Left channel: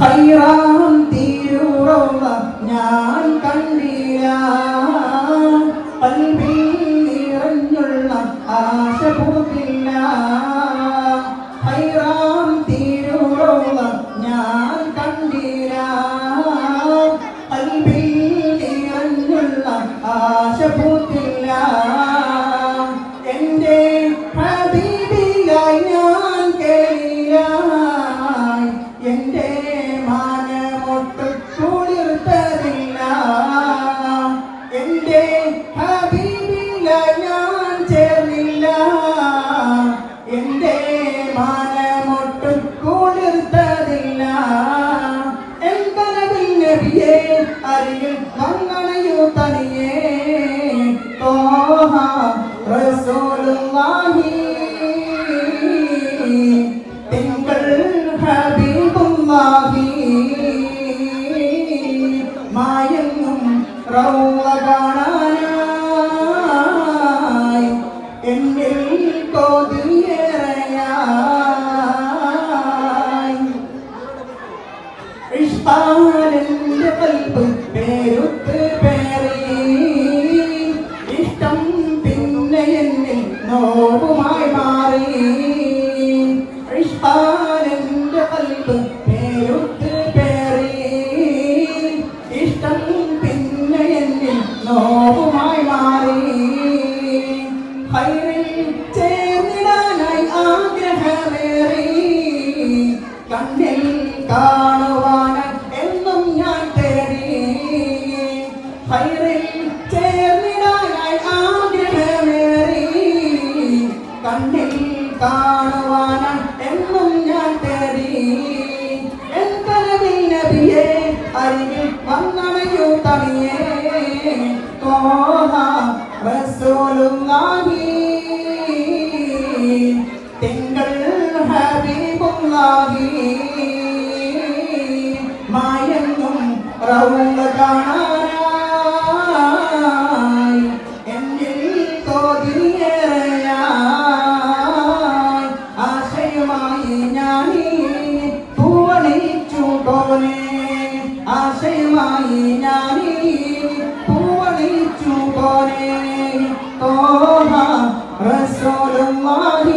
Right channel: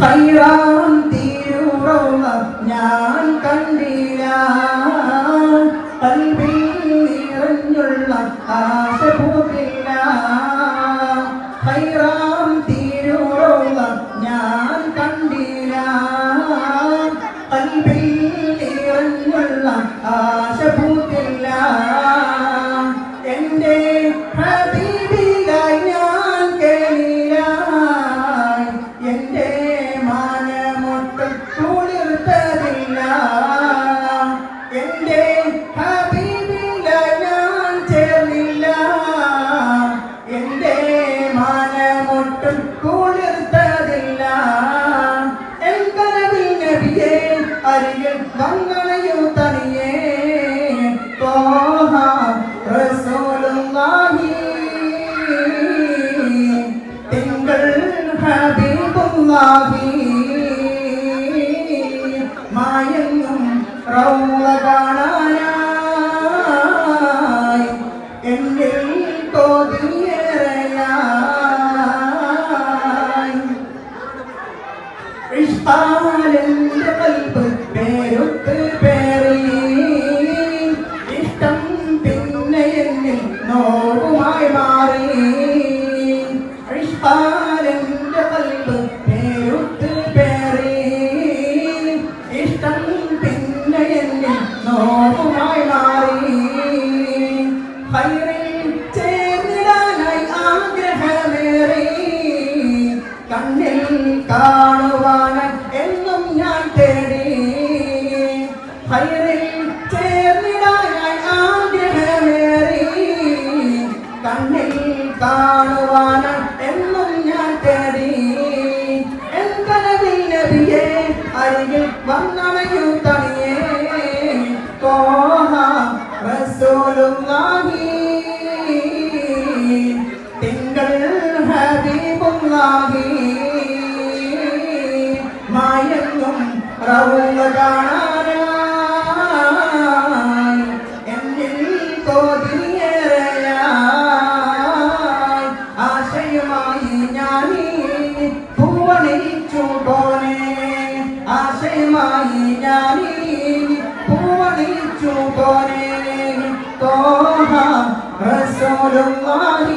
ഹൈറാം തീരുറോമ ഞാൻ കണ്ടില്ല കൽവിൽ നിറഞ്ഞുള്ള ആശ പൂത്തില്ല ഹൈറാം തീരുറോമ ഞാൻ കണ്ടില്ല കൽവിൽ നിറഞ്ഞുള്ള ആശ പൂത്തില്ല എൻ്റെ ഹബീബിയായി ഞാൻ കേളില്ല എൻ്റെ മാനമൊട്ട് കുളിർത്തതില്ല എൻ്റെ ഹബീബിലായി ഞാൻ ചേർന്നില്ല എൻ്റെ മാനമൊട്ട് കുളിർത്തതില്ല എൻ്റെ നബിയെ അരികിൽ വന്നണയു തനിയേ തോഹ റസൂലുള്ളാഹി തിങ്കൾ ഹബീബുള്ളാഹി മായങ്ങും റൗള കാണാനായി എന്നിൽ കൊതിയേറെയായി ഇഷ്ടാലെന്റെ കൽബ് പേരുത്ത് പേറി ഇഷ്ടം പിന്നെ എന്നിൽ നോവുമായി മാറി ഇഷ്ടാലെന്റെ കൽബ് പേരുത്ത് പേറി ഇഷ്ടം പിന്നെ എന്നിൽ നോവുമായി മാറി ഹൈറിൽ ചേർന്നിടാനായി ആഗ്രഹമേറി കണ്ണിൽ കാണുവാൻ എന്നും ഞാൻ തേടി ഹൈറിൽ ചേർന്നിടാനായി ആഗ്രഹമേറി കണ്ണിൽ കാണുവാൻ എന്നും ഞാൻ തേടി എൻ്റെ നബിയെ അരികിൽ വന്നണയു തനിയേ തോഹ റസൂലുള്ളാഹി തിങ്കൾ ഹബീബുള്ളാഹി മായങ്ങും റൗള കാണാനായി എന്നിൽ കൊതിയേറെയായി ആശയമായി ഞാനീ പൂവണിച്ചു പോനെ ആശയമായി ഞാനീ പൂവണിച്ചു പോനെ തോഹ റസൂലുള്ളാഹി